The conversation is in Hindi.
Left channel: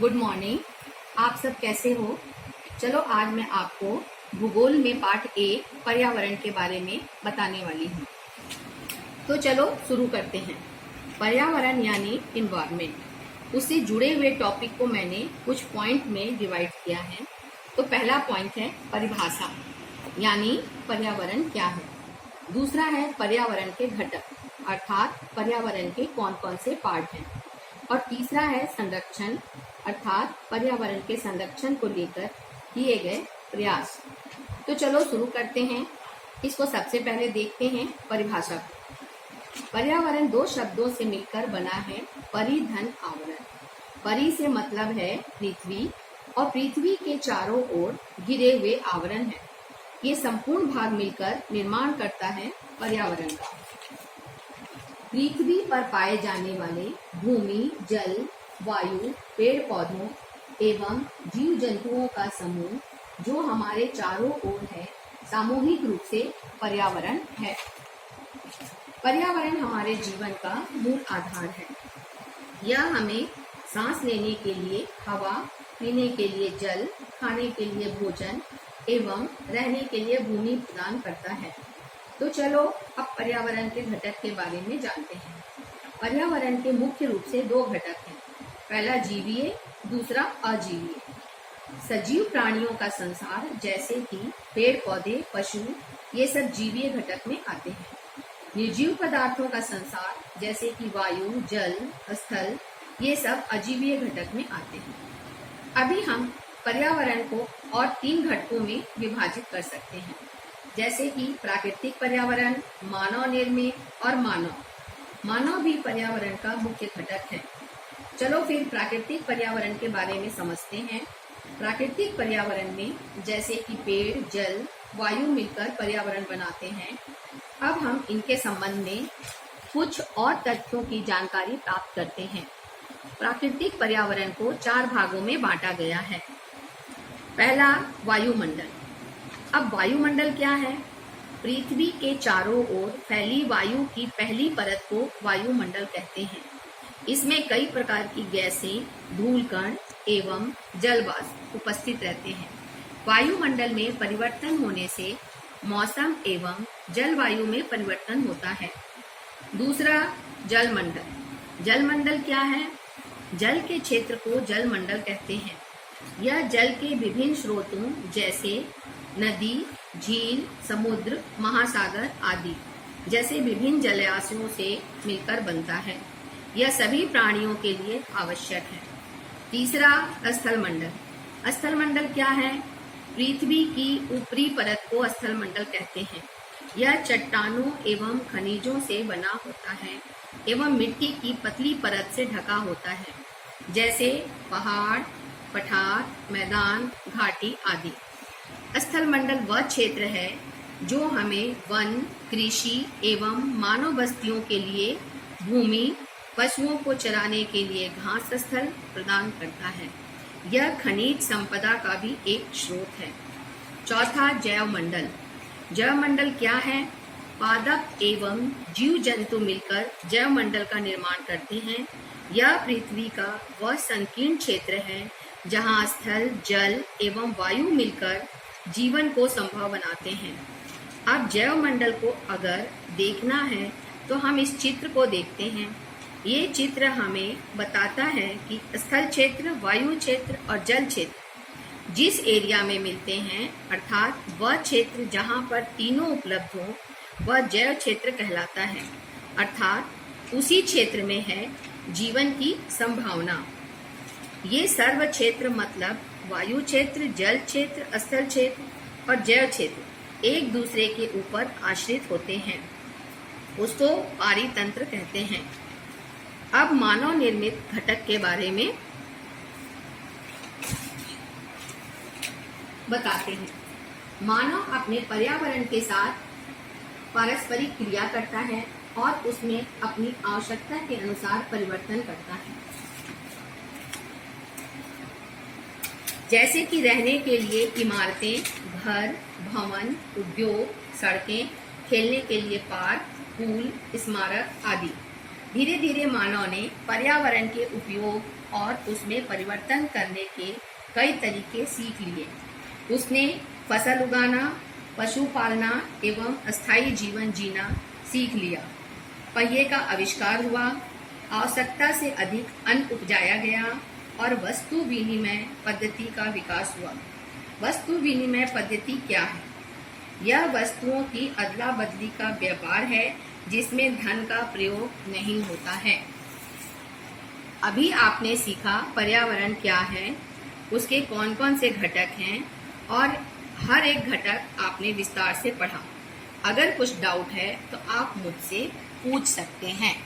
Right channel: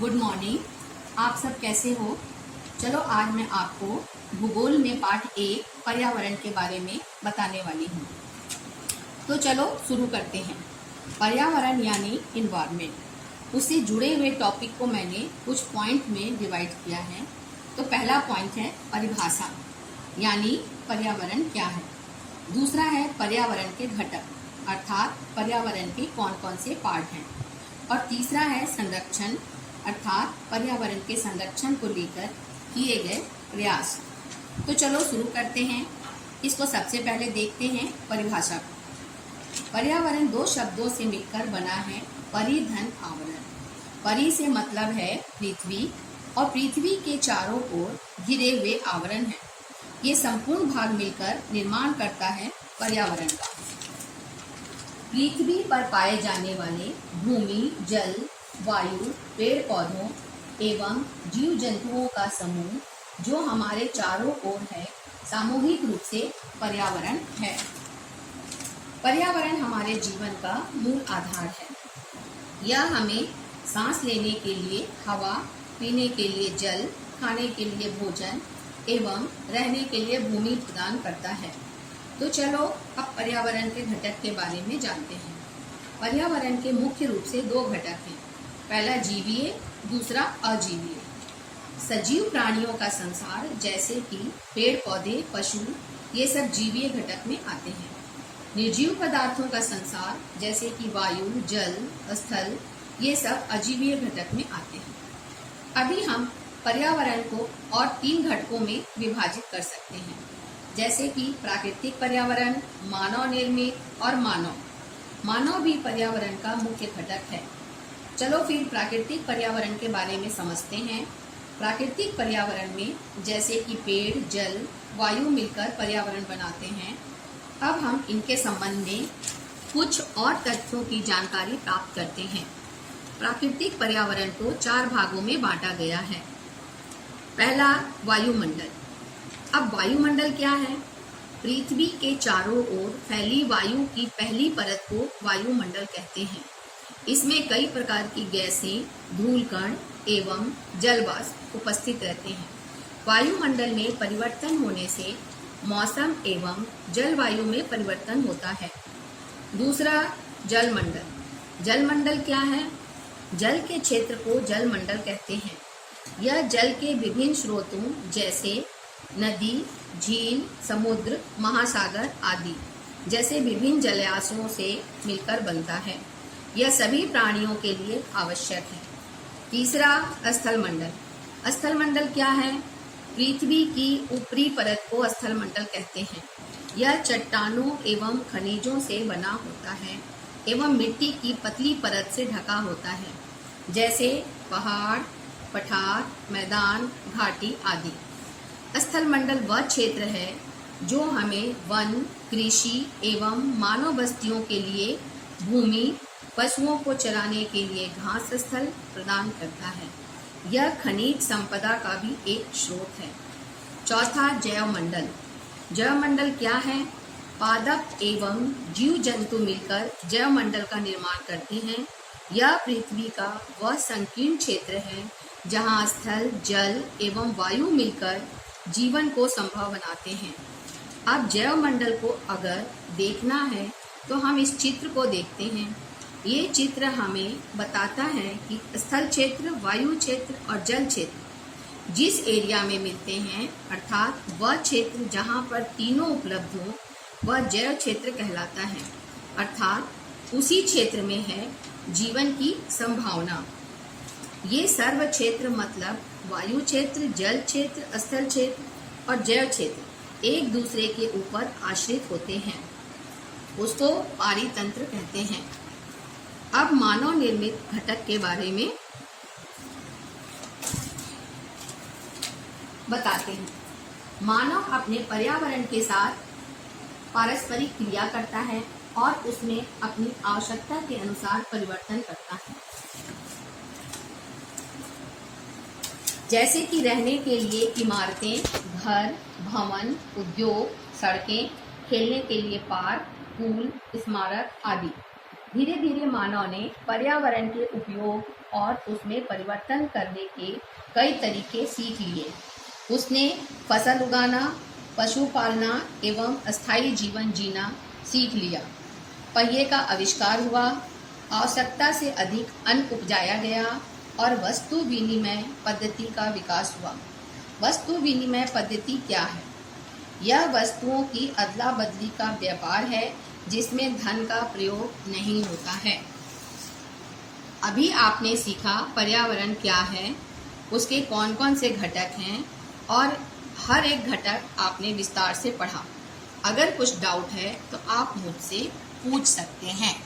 Good morning. आप सब कैसे हो? चलो आज मैं आपको भूगोल में पाठ 1 पर्यावरण के बारे में बताने वाली हूँ। तो चलो शुरू करते हैं। पर्यावरण यानी इन्वायरमेंट, उससे जुड़े हुए टॉपिक को मैंने कुछ पॉइंट में डिवाइड किया है। तो पहला पॉइंट है परिभाषा, यानी पर्यावरण क्या है। दूसरा है पर्यावरण के घटक, अर्थात पर्यावरण के कौन कौन से पार्ट हैं। और तीसरा है संरक्षण, अर्थात पर्यावरण के संरक्षण को लेकर किए गए प्रयास। तो चलो शुरू करते हैं। इसको सबसे पहले देखते हैं परिभाषा को। पर्यावरण दो शब्दों से मिलकर बना है, परि धन आवरण। परि से मतलब है पृथ्वी, और पृथ्वी के चारों ओर घिरे हुए आवरण है। ये संपूर्ण भाग मिलकर निर्माण करता है पर्यावरण का। पृथ्वी पर पाए जाने वाले भूमि, जल, वायु, पेड़ पौधों एवं जीव जंतुओं का समूह जो हमारे चारों ओर है, सामूहिक रूप से पर्यावरण है। पर्यावरण हमारे जीवन का मूल आधार है। यह हमें सांस लेने के लिए हवा, पीने के लिए जल, खाने के लिए भोजन एवं रहने के लिए भूमि प्रदान करता है। तो चलो अब पर्यावरण के घटक के बारे में जानते हैं। पर्यावरण के मुख्य रूप से दो घटक हैं। पहला जीवीय, दूसरा अजीवीय। सजीव प्राणियों का संसार जैसे कि पेड़ पौधे, पशु, ये सब जीवीय घटक में आते हैं। निर्जीव पदार्थों का संसार जैसे कि वायु, जल, स्थल, ये सब अजीवीय घटक में आते हैं। अभी हम पर्यावरण को और 3 घटकों में विभाजित कर सकते हैं, जैसे कि प्राकृतिक पर्यावरण, मानव निर्मित और मानव। मानव भी पर्यावरण का मुख्य घटक है। चलो फिर प्राकृतिक पर्यावरण के बारे में समझते हैं। प्राकृतिक पर्यावरण में जैसे कि पेड़, जल, वायु मिलकर पर्यावरण बनाते हैं। अब हम इनके संबंध में कुछ और तथ्यों की जानकारी प्राप्त करते हैं। प्राकृतिक पर्यावरण को 4 भागों में बांटा गया है। पहला वायुमंडल। अब वायुमंडल क्या है? पृथ्वी के चारों ओर फैली वायु की पहली परत को वायुमंडल कहते हैं। इसमें कई प्रकार की गैसें, धूलकण एवं जलवाष्प उपस्थित रहते हैं। वायुमंडल में परिवर्तन होने से मौसम एवं जलवायु में परिवर्तन होता है। दूसरा जलमंडल। जलमंडल क्या है? जल के क्षेत्र को जलमंडल कहते हैं। यह जल के विभिन्न स्रोतों जैसे नदी, झील, समुद्र, महासागर आदि जैसे विभिन्न जलाशयों से मिलकर बनता है। यह सभी प्राणियों के लिए आवश्यक है। तीसरा स्थलमंडल। स्थलमंडल क्या है? पृथ्वी की ऊपरी परत को स्थलमंडल कहते हैं। यह चट्टानों एवं खनिजों से बना होता है एवं मिट्टी की पतली परत से ढका होता है, जैसे पहाड़, पठार, मैदान, घाटी आदि। स्थलमंडल वह क्षेत्र है जो हमें वन, कृषि एवं मानव बस्तियों के लिए भूमि, पशुओं को चराने के लिए घास स्थल प्रदान करता है। यह खनिज संपदा का भी एक स्रोत है। चौथा जैवमंडल। जैवमंडल क्या है? पादप एवं जीव जंतु मिलकर जैवमंडल का निर्माण करते हैं। यह पृथ्वी का वह संकीर्ण क्षेत्र है जहाँ स्थल, जल एवं वायु मिलकर जीवन को संभव बनाते हैं। अब जैवमंडल को अगर देखना है तो हम इस चित्र को देखते हैं। ये चित्र हमें बताता है कि स्थल क्षेत्र, वायु क्षेत्र और जल क्षेत्र जिस एरिया में मिलते हैं, अर्थात वह क्षेत्र जहाँ पर तीनों उपलब्ध हो, वह जैव क्षेत्र कहलाता है। अर्थात उसी क्षेत्र में है जीवन की संभावना। ये सर्व क्षेत्र मतलब वायु क्षेत्र, जल क्षेत्र, स्थल क्षेत्र और जैव क्षेत्र एक दूसरे के ऊपर आश्रित होते हैं। उसको पारितंत्र कहते हैं। अब मानव निर्मित घटक के बारे में बताते हैं। मानव अपने पर्यावरण के साथ पारस्परिक क्रिया करता है और उसमें अपनी आवश्यकता के अनुसार परिवर्तन करता है। जैसे कि रहने के लिए इमारतें, घर, भवन, उद्योग, सड़कें, खेलने के लिए पार्क, पूल, स्मारक आदि। धीरे धीरे मानव ने पर्यावरण के उपयोग और उसमें परिवर्तन करने के कई तरीके सीख लिए। उसने फसल उगाना, पशु पालना एवं अस्थायी जीवन जीना सीख लिया। पहिए का आविष्कार हुआ, आवश्यकता से अधिक अन्न उपजाया गया और वस्तु विनिमय पद्धति का विकास हुआ। वस्तु विनिमय पद्धति क्या है? यह वस्तुओं की अदला बदली का व्यापार है जिसमें धन का प्रयोग नहीं होता है। अभी आपने सीखा पर्यावरण क्या है, उसके कौन कौन से घटक हैं और हर एक घटक आपने विस्तार से पढ़ा। अगर कुछ डाउट है तो आप मुझसे पूछ सकते हैं।